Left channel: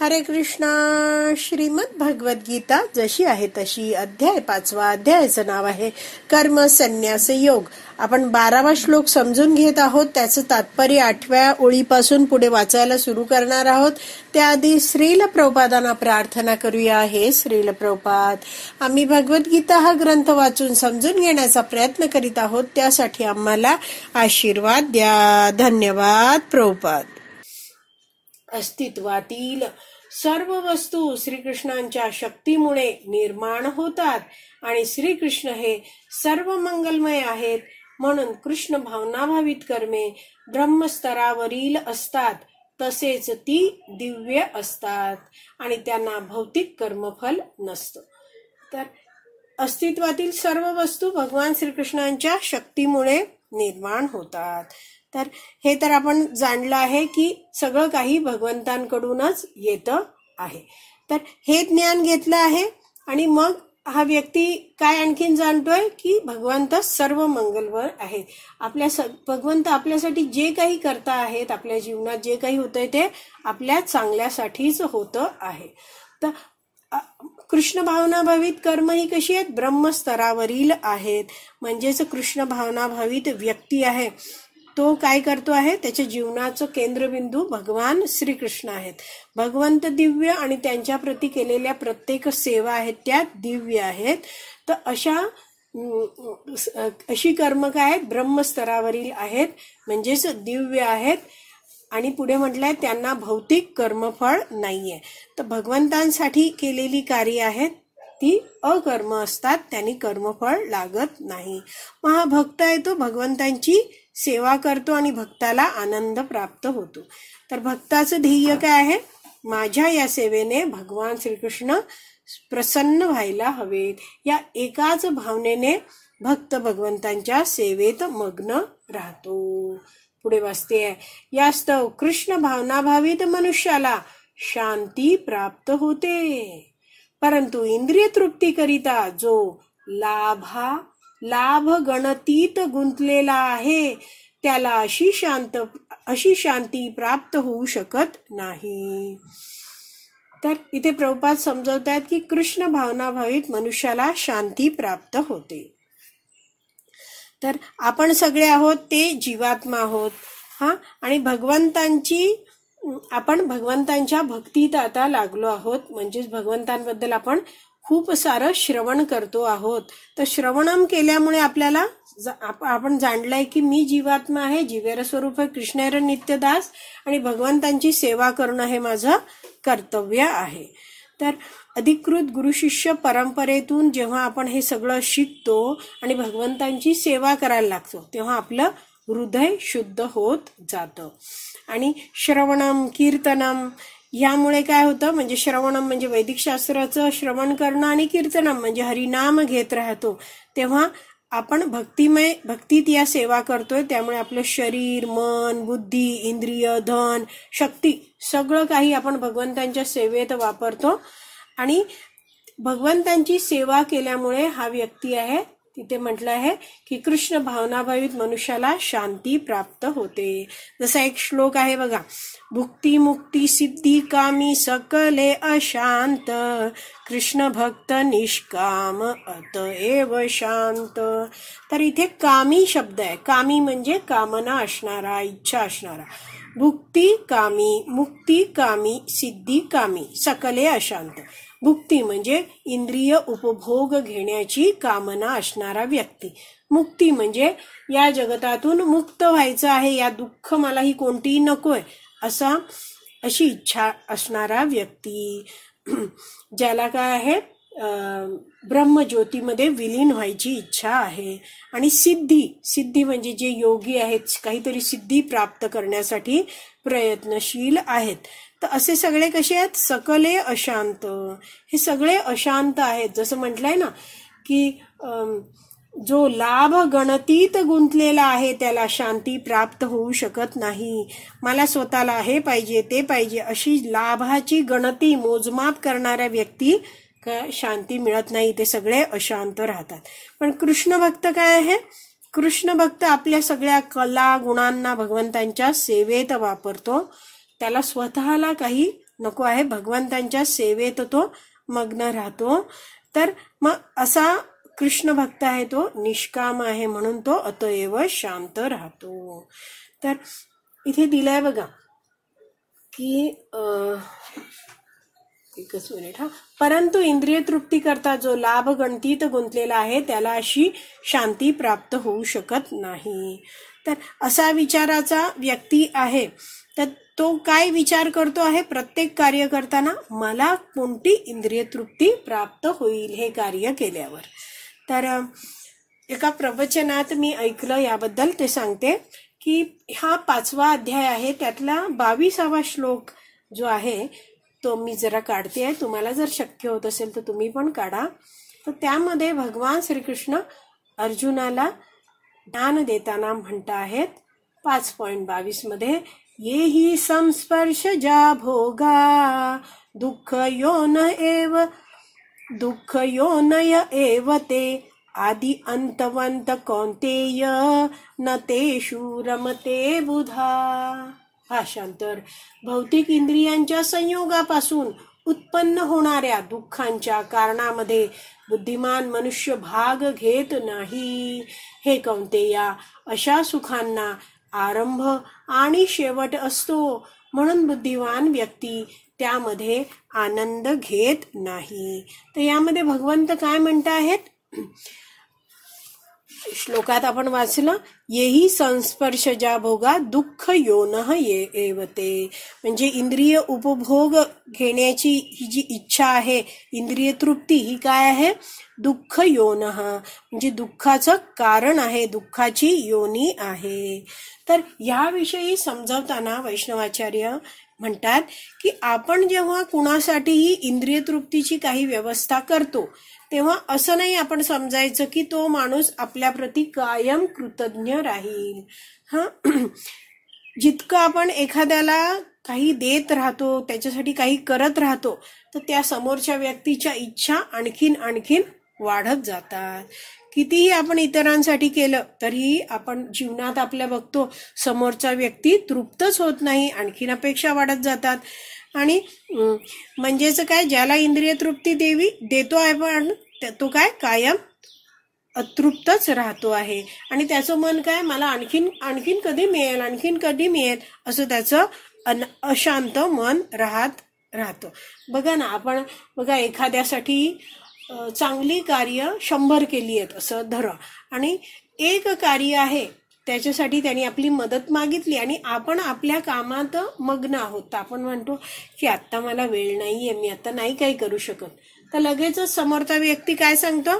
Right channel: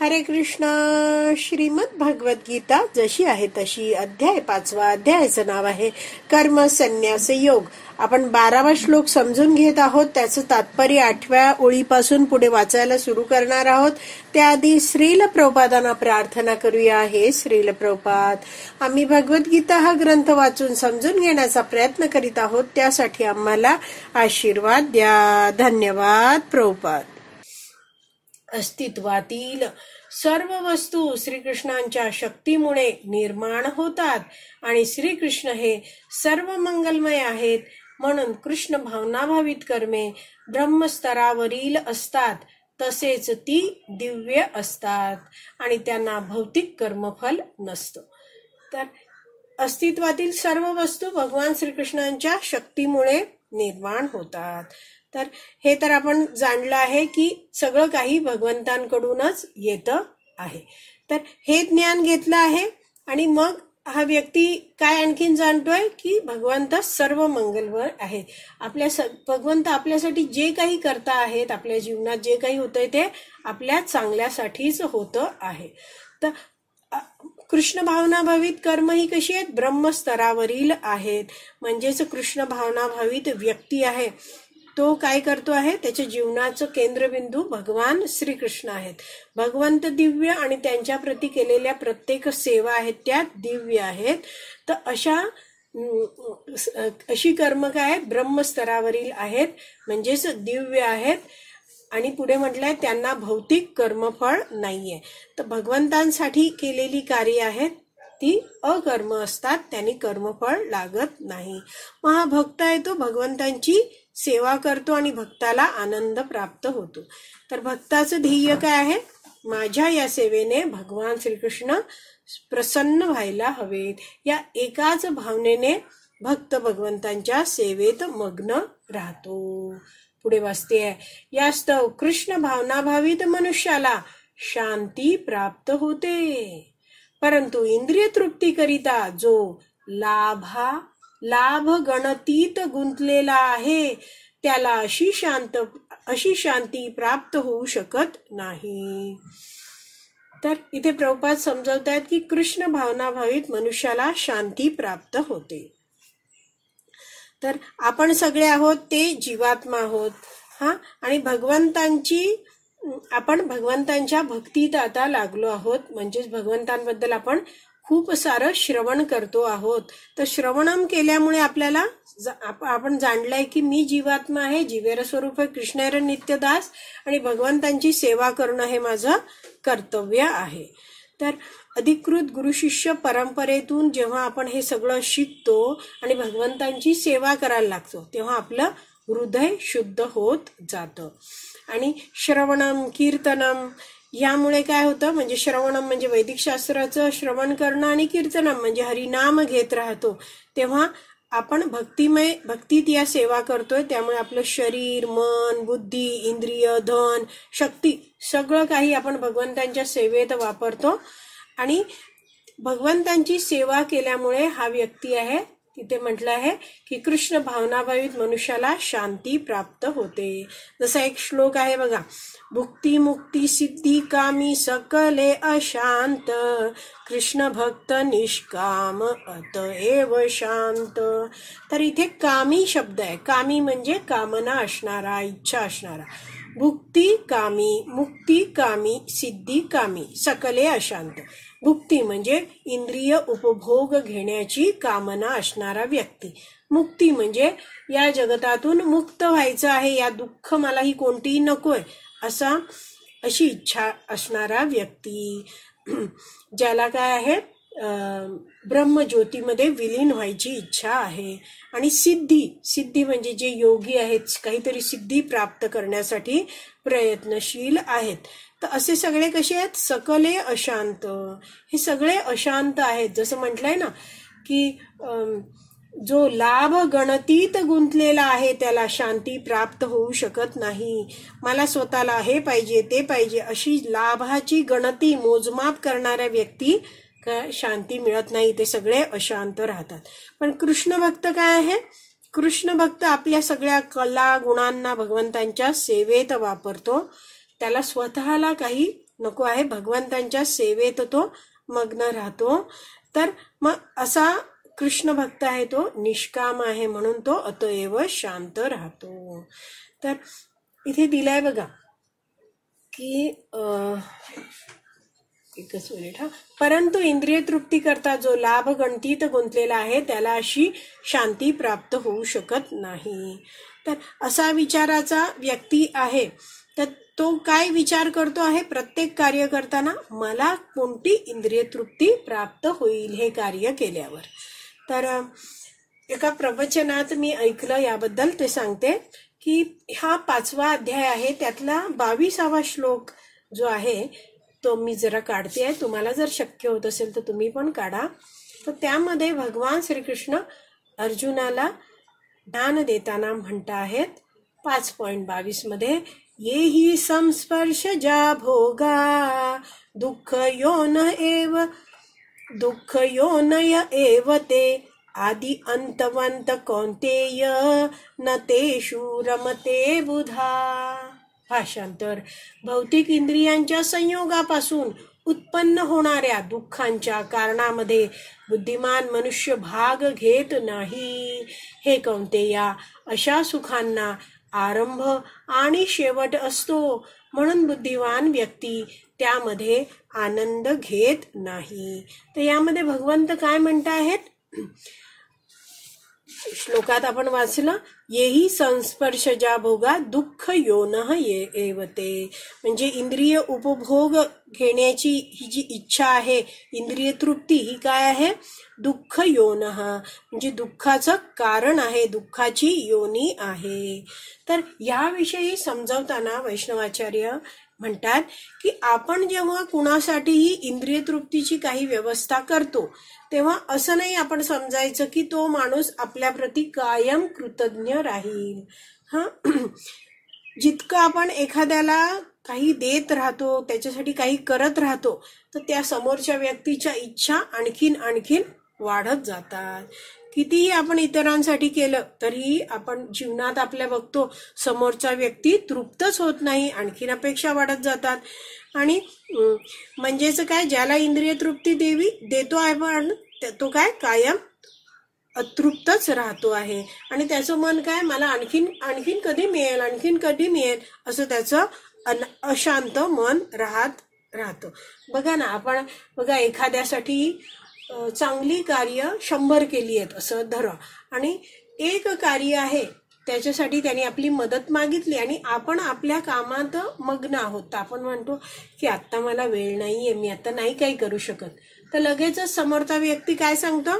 हरे कृष्णा. श्रीमद भगवद्गीता जशी आहे तशी, अध्याय 5. अध्यायाचं नाव आहे कर्म संन्यास योग. आपण 12वा श्लोक समजून घेत आहोत. त्याचं तात्पर्य 8व्या ओळीपासून पुढे वाचायला सुरू करणार आहोत. त्याआधी श्रील प्रभुपादांना प्रार्थना करूया. हे श्रील प्रभुपाद, आम्ही भगवद्गीता हा ग्रंथ वाचून समजून घेण्याचा प्रयत्न करीत आहोत. त्यासाठी आम्हाला आशीर्वाद द्या. धन्यवाद प्रभुपाद. अस्तित्वातील सर्व वस्तू श्रीकृष्णांच्या शक्तीमुळे निर्माण होतात आणि श्रीकृष्ण हे सर्व मंगलमय आहेत. म्हणून कृष्ण भावनाभावित कर्मे ब्रह्मस्तरावरील असतात, तसेच ती दिव्य असतात आणि त्यांना भौतिक कर्मफल नसतं. तर अस्तित्वातील सर्व वस्तू भगवान श्रीकृष्णांच्या शक्तीमुळे निर्माण होतात. तर हे तर आपण जाणलं आहे की सगळं काही भगवंतांकडूनच येतं आहे. तर हे ज्ञान घेतलं आहे आणि मग हा व्यक्ती काय आणखीन जाणतोय की भगवंत सर्व मंगलवर आहे. भगवंत आपल्यासाठी जे काही करता आहेत, आपल्या जीवनात जे काही होतंय ते आपल्या चांगल्यासाठीच होतं आहे. तर कृष्ण भावनाभावित कर्म ही कशी आहेत? ब्रह्मस्तरावरील आहेत. म्हणजेच कृष्ण भावनाभावित व्यक्ती आहे तो काय करतो आहे? त्याच्या जीवनाचं केंद्रबिंदू भगवान श्रीकृष्ण आहेत. भगवंत दिव्य आणि त्यांच्या प्रती केलेल्या प्रत्येक सेवा आहेत त्या दिव्य आहेत. तर अशी कर्म काय आहेत? ब्रह्मस्तरावरील आहेत, म्हणजेच दिव्य आहेत. आणि पुढे म्हटलंय त्यांना भौतिक कर्मफळ नाहीये. तर भगवंतांसाठी केलेली कार्य आहेत ती अकर्म असतात, त्यांनी कर्मफळ लागत नाही. मग हा भक्त आहे तो भगवंतांची सेवा करतो आणि भक्ताला आनंद प्राप्त होतो. तर भक्ताचं ध्येय काय आहे? माझ्या या सेवेने भगवान श्रीकृष्ण प्रसन्न व्हायला हवेत. या एकाच भावनेने भक्त भगवंतांच्या सेवेत मग्न राहतो. पुढे वाचते, यास्तव कृष्ण भावनाभावित मनुष्याला शांती प्राप्त होते. परंतु इंद्रिय तृप्ती करिता जो लाभ गणतीत गुंतलेला आहे त्याला अशी शांती प्राप्त होऊ शकत नाही. तर इथे प्रभुपाद समजवतात की कृष्ण भावनाभावित मनुष्याला शांती प्राप्त होते. तर आपण सगळे आहोत ते जीवात्मा आहोत आणि आपण भगवंतांच्या भक्तीत आता लागलो आहोत. म्हणजेच भगवंतांबद्दल आपण खूप सारं श्रवण करतो आहोत. तर श्रवणम केल्यामुळे आपल्याला आपण जाणलंय की मी जीवात्मा आहे, जीवेर स्वरूप आहे, कृष्णेर नित्यदास आणि भगवंतांची सेवा करणं हे माझं कर्तव्य आहे. तर अधिकृत गुरुशिष्य परंपरेतून जेव्हा आपण हे सगळं शिकतो आणि भगवंतांची सेवा करायला लागतो तेव्हा आपलं हृदय शुद्ध होत जातं. आणि श्रवणम कीर्तनम यामुळे काय होतं? म्हणजे श्रवणम म्हणजे वैदिक शास्त्राचं श्रवण करणं आणि कीर्तनम म्हणजे हरिनाम घेत राहतो. तेव्हा आपण भक्तीत या सेवा करतोय. त्यामुळे आपलं शरीर, मन, बुद्धी, इंद्रिय, धन, शक्ती सगळं काही आपण भगवंतांच्या सेवेत वापरतो. आणि भगवंतांची सेवा केल्यामुळे हा व्यक्ती आहे, तिथे म्हटलं आहे की कृष्ण भावनाभावित मनुष्याला शांती प्राप्त होते. जसा एक श्लोक आहे बघा, भुक्ती मुक्ती सिद्धी कामी सकले अशांत, कृष्ण भक्त निष्काम अतएव शांत. तर इथे कामी शब्द आहे. कामी म्हणजे कामना असणारा, इच्छा असणारा. भुक्ती कामी, मुक्ती कामी, सिद्धी कामी, सकले अशांत. भुक्ती म्हणजे इंद्रिय उपभोग घेण्याची कामना असणारा व्यक्ती. मुक्ती म्हणजे या जगतातून मुक्त व्हायचं आहे, या दुःख मला ही कोणतीही नकोय अशी इच्छा असणारा व्यक्ती. ज्याला काय आहे? ब्रह्मज्योतीमध्ये विलीन व्हायची इच्छा आहे. आणि सिद्धी म्हणजे जे योगी आहेत, काहीतरी सिद्धी प्राप्त करण्यासाठी प्रयत्नशील आहेत. तर असे सगळे कसे आहेत? सकले अशांत. हे सगळे अशांत आहेत. जसं म्हटलंय ना की जो लाभ गणतीत गुंतलेला आहे त्याला शांती प्राप्त होऊ शकत नाही. मला स्वतःला हे पाहिजे ते पाहिजे अशी लाभाची गणती मोजमाप करणाऱ्या व्यक्ती शांती मिळत नाही. ते सगळे अशांत राहतात. पण कृष्ण भक्त काय आहे? कृष्ण भक्त आपल्या सगळ्या कला गुणांना भगवंतांच्या सेवेत वापरतो. त्याला स्वतःला काही नको आहे, भगवंतांच्या सेवेत तो मग्न राहतो. तर मग असा कृष्ण भक्त आहे, तो निष्काम आहे, म्हणून तो अतएव शांत राहतो. तर इथे दिलंय बघा की एकच मिनिट परंतु इंद्रिय तृप्ती करता जो लाभ गणतीत गुंतलेला आहे त्याला अशी शांती प्राप्त होऊ शकत नाही. तर असा विचाराचा व्यक्ती आहे, तर तो काय विचार करतो आहे, प्रत्येक कार्य करताना मला कोणती इंद्रिय तृप्ती प्राप्त होईल हे कार्य केल्यावर. तर एका प्रवचनात मी ऐकलं याबद्दल, ते सांगते की हा 5वा अध्याय आहे, त्यातला 22वा श्लोक जो आहे तो मी जरा काढते आहे, तुम्हाला जर शक्य होत असेल तर तुम्ही पण काढा. तर त्यामध्ये भगवान श्रीकृष्ण अर्जुनाला ज्ञान देताना म्हणत आहेत 5.22 मध्ये, येही संस्पर्श जा भोगा दुःख योनय एव ते आदि अंतवंत कौंतेय न तेषु रमते बुधा. भाषांतर, भौतिक इंद्रियांच्या संयोगापासून उत्पन्न होणाऱ्या दुःखांच्या कारणामध्ये बुद्धिमान मनुष्य भाग घेत नाही. हे कौंतेया, अशा सुखांना आरंभ आणि शेवट असतो, म्हणून बुद्धिमान व्यक्ती त्यामध्ये आनंद घेत नाही. तर यामध्ये भगवंत काय म्हणत आहेत, श्लोकात आपण वाचलं, येही संस्पर्शजा भोगा दुःख योनः एवते. म्हणजे इंद्रिय उपभोग घेण्याची ही जी इच्छा आहे, इंद्रिय तृप्ती, ही काय आहे, दुःख योनः म्हणजे दुःखाचं कारण आहे, दुःखाची योनी आहे. तर याविषयी समजावताना वैष्णवाचार्य म्हणतात की आपण जेव्हा कुणासाठीही इंद्रिय तृप्तीची काही व्यवस्था करतो तेव्हा असं नाही आपण समजायचं की तो माणूस आपल्या प्रती कायम कृतज्ञ राहील. जितकं आपण एखाद्याला काही देत राहतो, त्याच्यासाठी काही करत राहतो, तर त्या समोरच्या व्यक्तीच्या इच्छा आणखीन वाढत जातात. कितीही आपण इतरांसाठी केलं तरी आपण जीवनात आपल्या बघतो समोरचा व्यक्ती तृप्तच होत नाही, आणखीन अपेक्षा वाढत जातात. आणि म्हणजेच काय, ज्याला इंद्रिय तृप्ती देतो आहे पण तो काय कायम अतृप्तच राहतो आहे. आणि त्याचं मन काय, मला आणखीन कधी मिळेल असं त्याचं अशांत मन राहतं. बघा ना, आपण बघा एखाद्यासाठी चांगली कार्य 100 केली आहेत असं धरा, आणि एक कार्य आहे त्याच्यासाठी त्यांनी आपली मदत मागितली आणि आपण आपल्या कामात मग्न आहोत, तर आपण म्हणतो की आता मला वेळ नाहीये, मी आता नाही काही करू शकत. तर लगेचच समोरचा व्यक्ती काय सांगतो,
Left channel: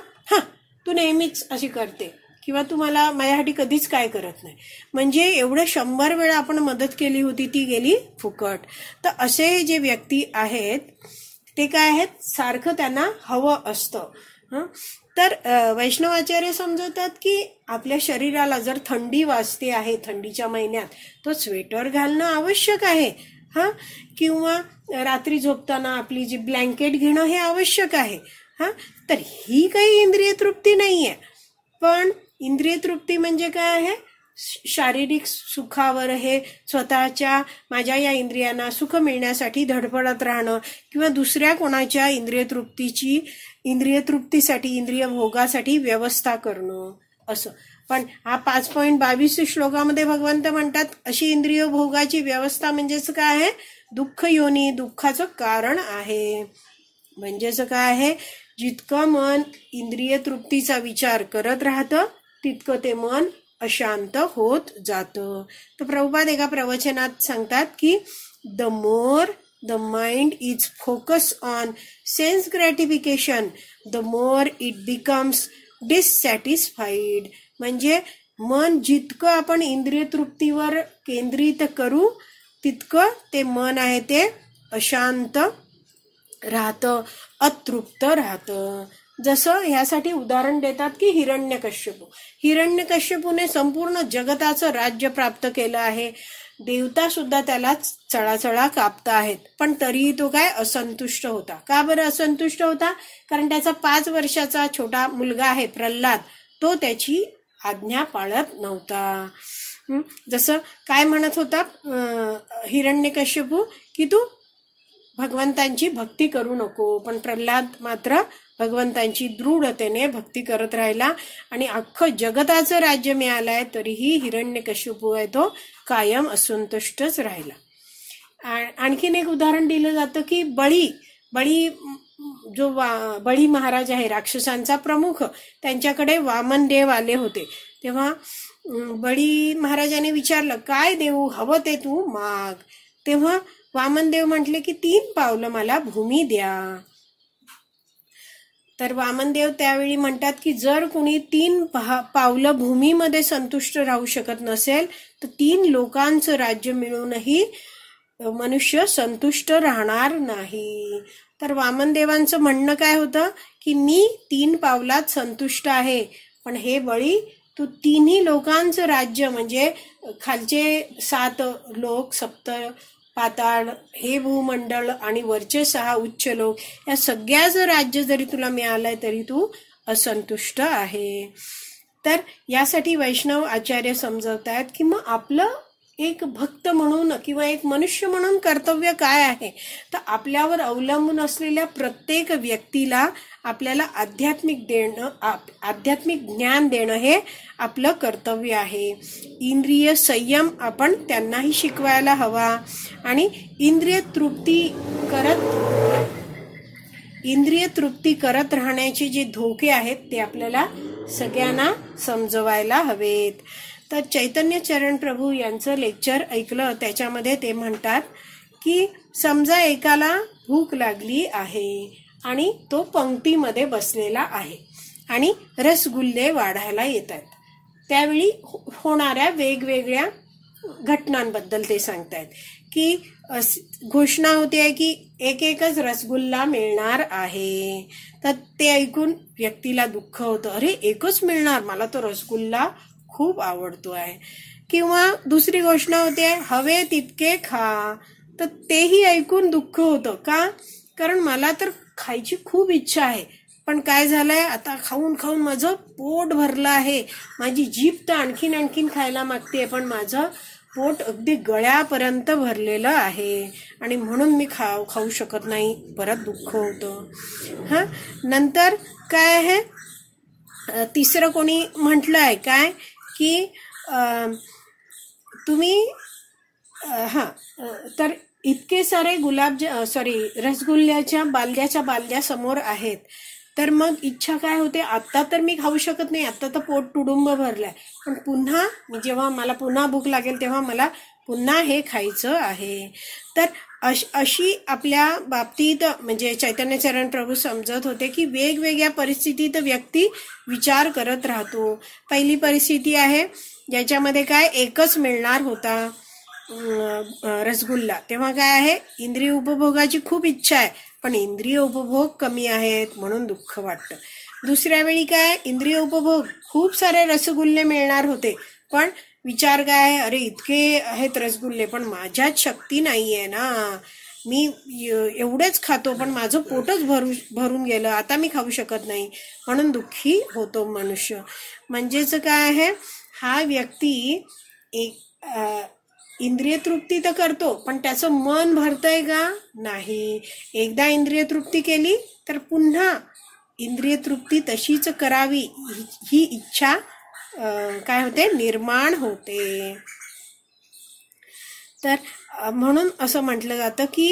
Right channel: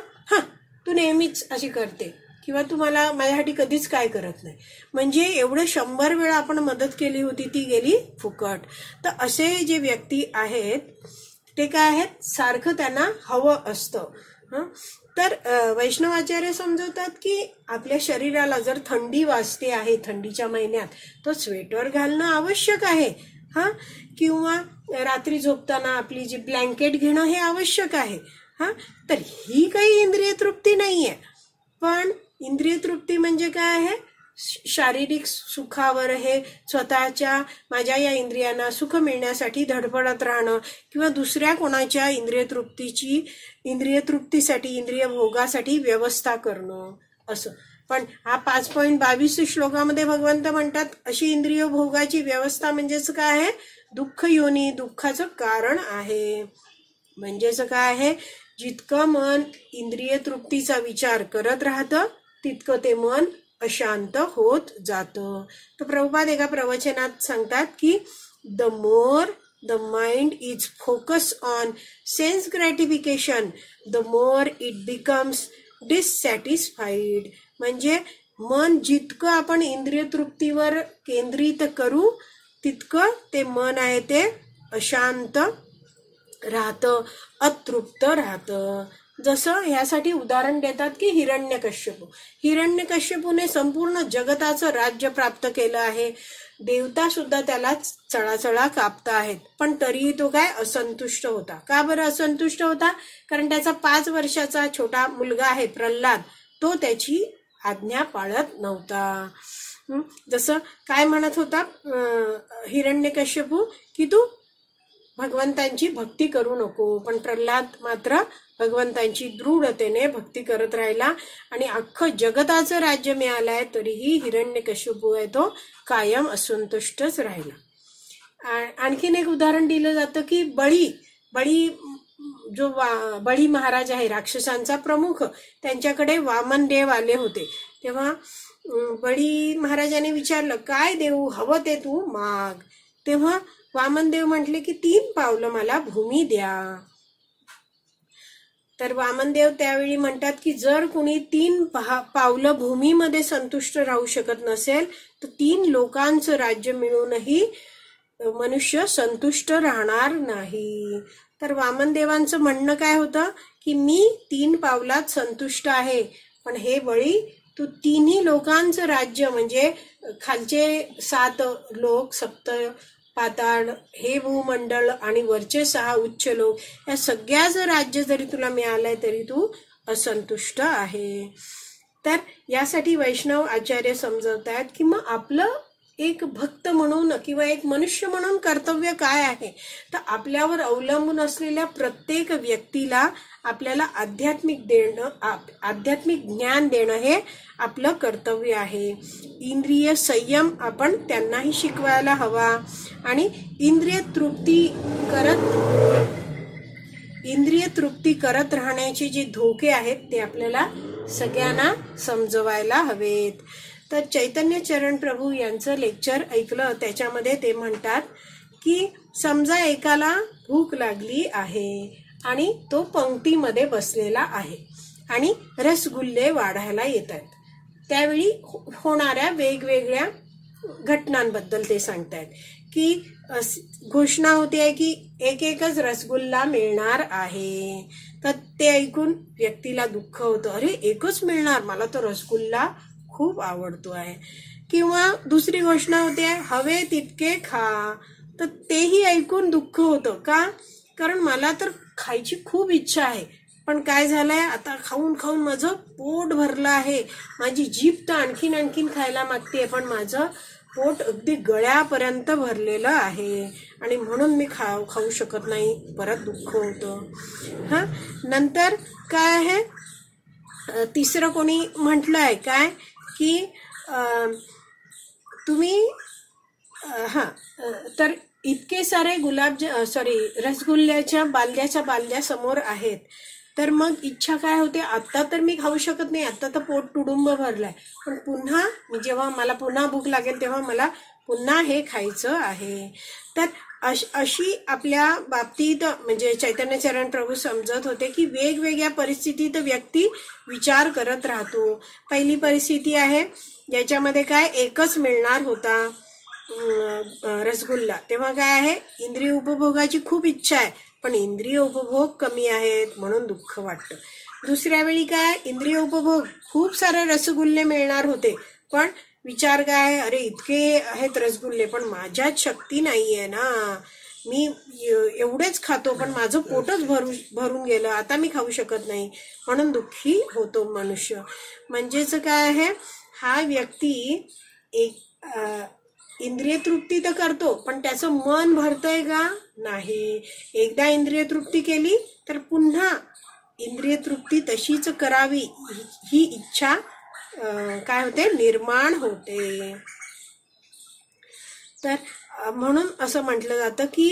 तू नेहमीच अशी करते, किंवा तू माझ्यासाठी कधीच काय करत नाही. म्हणजे एवढे 100 वेळा आपण मदत केली होती ती गेली फुकट. तर असे जे व्यक्ती आहेत ते काय आहेत, सारखं त्यांना हवं असतं. तर वैष्णवाचार्य समजवतात की आपल्या शरीराला जर थंडी वाजते आहे थंडीच्या महिन्यात, तर स्वेटर घालणं आवश्यक आहे. किंवा रात्री झोपताना आपली जी ब्लँकेट घेणं हे आवश्यक आहे. तर ही काही इंद्रिय तृप्ती नाहीये. पण इंद्रिय तृप्ती म्हणजे काय आहे, शारीरिक सुखावर हे स्वतःच्या माझ्या या इंद्रियांना सुख मिळण्यासाठी धडपडत राहणं, किंवा दुसऱ्या कोणाच्या इंद्रिय तृप्तीसाठी इंद्रिय भोगासाठी व्यवस्था करणं असं. पण हा 5.22 श्लोकामध्ये भगवंत म्हणतात अशी इंद्रिय भोगाची व्यवस्था म्हणजेच काय आहे, दुःख योनी, दुःखाचं कारण आहे. म्हणजेच काय आहे, जितकं मन इंद्रिय तृप्तीचा विचार करत राहतं तितकं ते मन अशांत होत जातं. तर प्रभुपाद एका प्रवचनात सांगतात की the more the mind is focus on sense gratification the more it becomes डिससॅटिस्फाईड. म्हणजे मन जितकं आपण इंद्रिय तृप्तीवर केंद्रित करू तितकं ते मन आहे ते अशांत राहतं, अतृप्त राहतं. जसं ह्यासाठी उदाहरण देतात की हिरण्यकश्यपूने संपूर्ण जगताचं राज्य प्राप्त केलं आहे. देवता सुद्धा त्याला चळाचळा कापत आहेत, पण तरीही तो काय असंतुष्ट होता. का बरं असंतुष्ट होता? कारण त्याचा 5 वर्षाचा छोटा मुलगा आहे प्रल्हाद, तो त्याची आज्ञा पाळत नव्हता. जसं काय म्हणत होता हिरण्यकश्यपू की तू भगवंतांची भक्ती करू नको. पण प्रल्हाद मात्र भगवंतांची दृढतेने भक्ती करत राहिला आणि अख्खं जगताचं राज्य मिळालंय तरीही हिरण्यकशिपू आहे तो कायम असंतुष्टच राहिला. आणखीन एक उदाहरण दिलं जातं की बळी जो बळी महाराज आहे राक्षसांचा प्रमुख, त्यांच्याकडे वामनदेव आले होते. तेव्हा बळी महाराजाने विचारलं, काय देऊ, हवं ते तू माग. तेव्हा वामनदेव म्हटले की 3 पावलं मला भूमी द्या. तर वामनदेव त्यावेळी म्हणतात की जर कुणी 3 पावलं भूमीमध्ये संतुष्ट राहू शकत नसेल तर 3 लोकांचं राज्य मिळूनही मनुष्य संतुष्ट राहणार नाही. तर वामनदेवांचं म्हणणं काय होतं की मी 3 पावलात संतुष्ट आहे, पण हे बळी तू 3 लोकांचं राज्य म्हणजे खालचे 7 लोक, सप्त पाताळ, हे भूमंडळ आणि वरचे 6 उच्च लोक, या सगळ्याचं राज्य जरी तुला मिळालंय तरी तू असंतुष्ट आहे. तर यासाठी वैष्णव आचार्य समजवतात की मग आपलं एक भक्त म्हणून किंवा एक मनुष्य म्हणून कर्तव्य काय आहे. तर आपल्यावर अवलंबून असलेल्या प्रत्येक व्यक्तीला आपल्याला आध्यात्मिक ज्ञान देणं हे आपलं कर्तव्य आहे. इंद्रिय संयम आपण त्यांनाही शिकवायला हवा आणि इंद्रिय तृप्ती करत राहण्याचे जे धोके आहेत ते आपल्याला सगळ्यांना समजवायला हवेत. तर चैतन्य चरण प्रभू यांचं लेक्चर ऐकलं, त्याच्यामध्ये ते म्हणतात की समजा एकाला भूक लागली आहे आणि तो पंक्तीमध्ये बसलेला आहे आणि रसगुल्ले वाढायला येतात. त्यावेळी होणाऱ्या वेगवेगळ्या घटनांबद्दल ते सांगतायत की घोषणा होते की एकच रसगुल्ला मिळणार आहे. तर ते ऐकून व्यक्तीला दुःख होतं, अरे एकच मिळणार, मला तर रसगुल्ला खूप आवडतो आहे. किंवा दुसरी घोषणा होते हवे तितके खा. तर तेही ऐकून दुःख होतं, का, कारण मला तर खायची खूप इच्छा आहे, पण काय झालंय आता खाऊन खाऊन माझं पोट भरलं आहे, माझी जीभ तर आणखीन खायला मागते, पण माझं पोट अगदी गळ्यापर्यंत भरलेलं आहे आणि म्हणून मी खाऊ शकत नाही. परत दुःख होतं. नंतर काय आहे, तिसरं कोणी म्हटलंय काय की तुम्ही तर इतके सारे रसगुल्ल्याच्या बालद्या समोर आहेत, तर मग इच्छा काय होते, आता तर मी खाऊ शकत नाही, आता तर पोट तुडुंब भरलाय, पण पुन्हा जेव्हा मला पुन्हा भूक लागेल तेव्हा मला पुन्हा हे खायचं आहे. तर अशी आपल्या बाबतीत म्हणजे चैतन्य चरण प्रभू समजत होते की वेगवेगळ्या परिस्थितीत व्यक्ती विचार करत राहतो. पहिली परिस्थिती आहे ज्याच्यामध्ये काय एकच मिळणार होता रसगुल्ला, तेव्हा काय आहे इंद्रिय उपभोगाची खूप इच्छा आहे, पण इंद्रिय उपभोग कमी आहेत म्हणून दुःख वाटतं. दुसऱ्या वेळी काय इंद्रिय उपभोग खूप सारे रसगुल्ले मिळणार होते, पण विचार काय, अरे इतके आहेत रसगुल्ले पण माझ्यात शक्ती नाहीये ना, मी एवढेच खातो पण माझं पोटच भरून गेलं, आता मी खाऊ शकत नाही, म्हणून दुःखी होतो मनुष्य. म्हणजेच काय आहे, हा व्यक्ती इंद्रिय तृप्ती तर करतो पण त्याचं मन भरतंय का नाही. एकदा इंद्रिय तृप्ती केली तर पुन्हा इंद्रिय तृप्ती तशीच करावी ही इच्छा काय होते, निर्माण होते. तर म्हणून असं म्हटलं जातं की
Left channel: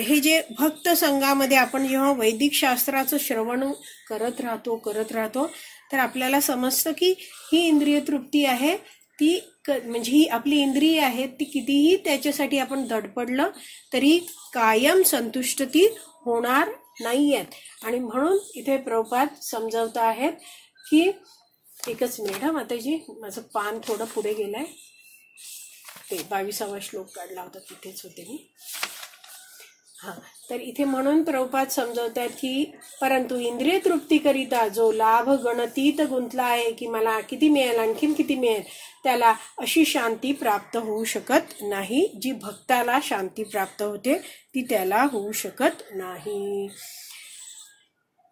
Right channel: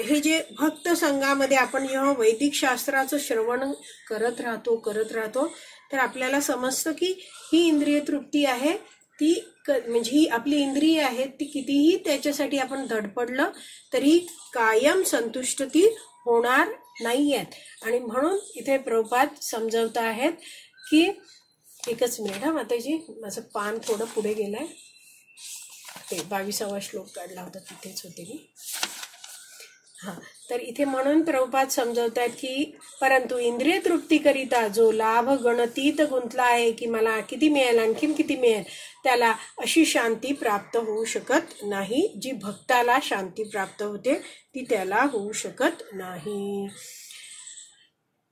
हे जे भक्त संघामध्ये आपण जेव्हा वैदिक शास्त्राचं श्रवण करत राहतो तर आपल्याला समजतं की ही इंद्रिय तृप्ती आहे ती म्हणजे ही आपली इंद्रिय आहेत ती कितीही त्याच्यासाठी आपण धडपडलं तरी कायम संतुष्ट ती होणार नाहीयेत. आणि म्हणून इथे प्रभुपाद समजावत आहेत की एकच मिनिट माताजी, माझं पान थोडं पुढे गेलंय, ते 22वा श्लोक काढला होता तिथेच होते मी. तर इथे म्हणून प्रभुपाद समजवतात की परंतु इंद्रिय तृप्तीकरिता जो लाभ गणतीत गुंतला आहे की मला किती मिळेल आणखीन किती मिळेल, त्याला अशी शांती प्राप्त होऊ शकत नाही. जी भक्ताला शांती प्राप्त होते ती त्याला होऊ शकत नाही.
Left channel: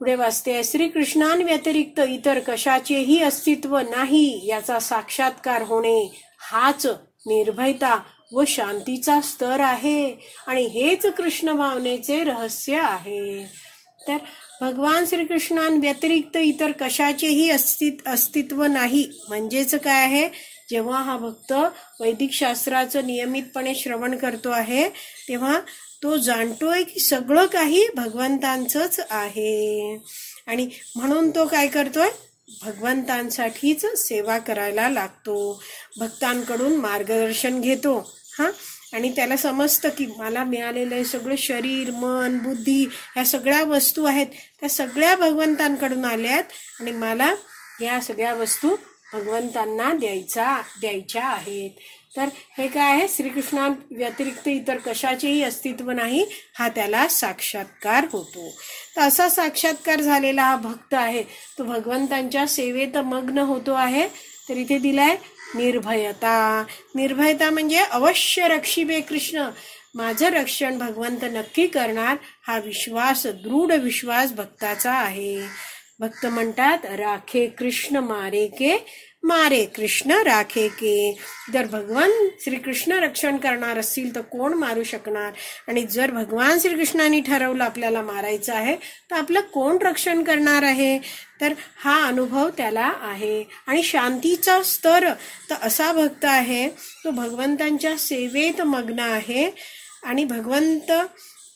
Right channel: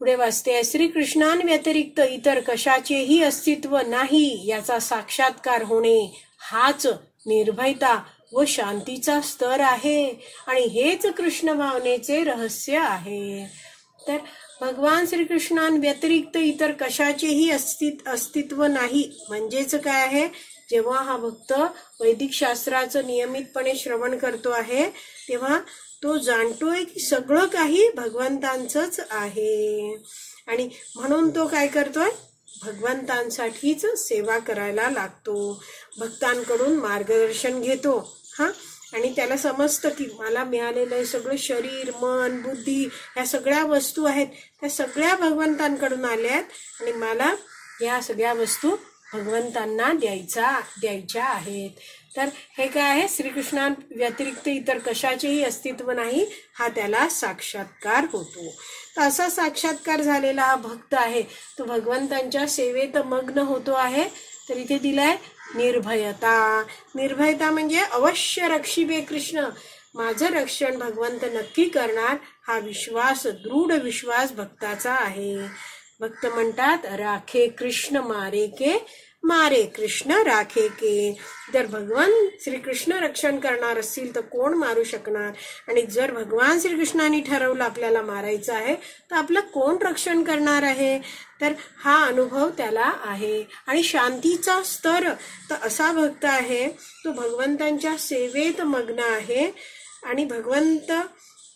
पुढे वाचते, श्रीकृष्णांव्यतिरिक्त इतर कशाचेही अस्तित्व नाही याचा साक्षात्कार होणे हाच निर्भयता व शांतीचा स्तर आहे आणि हेच कृष्ण भावनेचे रहस्य आहे. तर भगवान श्रीकृष्णांव्यतिरिक्त इतर कशाचेही अस्तित्व नाही. म्हणजेच काय आहे, जेव्हा हा भक्त वैदिक शास्त्राचं नियमितपणे श्रवण करतो आहे तेव्हा तो जाणतोय की सगळं काही भगवंतांचंच आहे आणि म्हणून तो काय करतोय, भगवंतांसाठीच सेवा करायला लागतो, भक्तांकडून मार्गदर्शन घेतो. आणि त्याला समजतं की मला मिळालेलं सगळं शरीर, मन, बुद्धी ह्या सगळ्या वस्तू आहेत त्या सगळ्या भगवंतांकडून आल्यात आणि मला या सगळ्या वस्तू भगवंतांना द्यायच्या आहेत. तर हे काय आहे, श्रीकृष्णां व्यतिरिक्त इतर कशाचेही अस्तित्व नाही, हा त्याला साक्षात्कार होतो. तर असा साक्षात्कार झालेला हा भक्त आहे तो भगवंतांच्या सेवेत मग्न होतो आहे. तर इथे दिलाय निर्भयता. निर्भयता म्हणजे अवश्य रक्षिबे कृष्ण, माझं रक्षण भगवंत नक्की करणार, हा विश्वास, दृढ विश्वास भक्ताचा आहे. भक्त म्हणतात, राखे कृष्ण मारे के, मारे कृष्ण राखे के. जर भगवान श्रीकृष्ण रक्षण करणार असतील तर कोण मारू शकणार, आणि जर भगवान श्रीकृष्णाने ठरवलं आपल्याला मारायचं आहे तर आपलं कोण रक्षण करणार आहे. तर हा अनुभव त्याला आहे. आणि शांतीचा स्तर, तर असा भक्त आहे तो भगवंतांच्या सेवेत मग्न आहे आणि भगवंत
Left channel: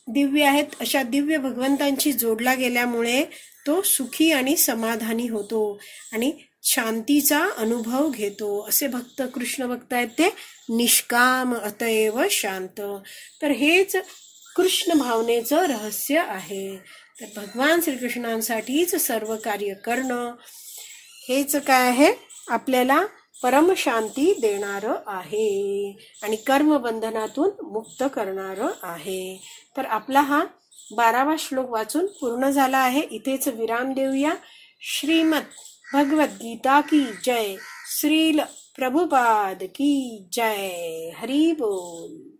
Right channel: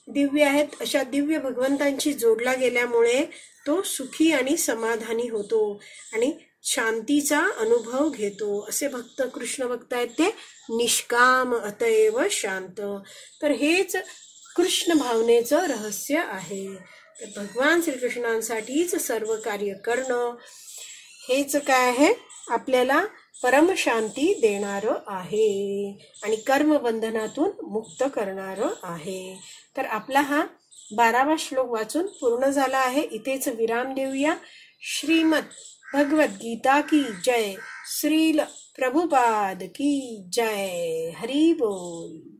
दिव्य आहेत, अशा दिव्य भगवंतांशी जोडला गेल्यामुळे तो सुखी आणि समाधानी होतो आणि शांतीचा अनुभव घेतो. असे भक्त, कृष्ण भक्त आहेत ते निष्काम अतएव शांत. तर हेच कृष्ण भावनेचं रहस्य आहे. तर भगवान श्रीकृष्णांसाठीच सर्व कार्य करणं हेच काय आहे, आपल्याला परमशांती देणारं आहे आणि कर्मबंधनातून मुक्त करणारं आहे. तर आपला हा 12वा श्लोक वाचून पूर्ण झाला आहे. इथेच विराम देऊया. श्रीमद भगवद गीता की जय. श्रील प्रभुपाद की जय. हरी बोल.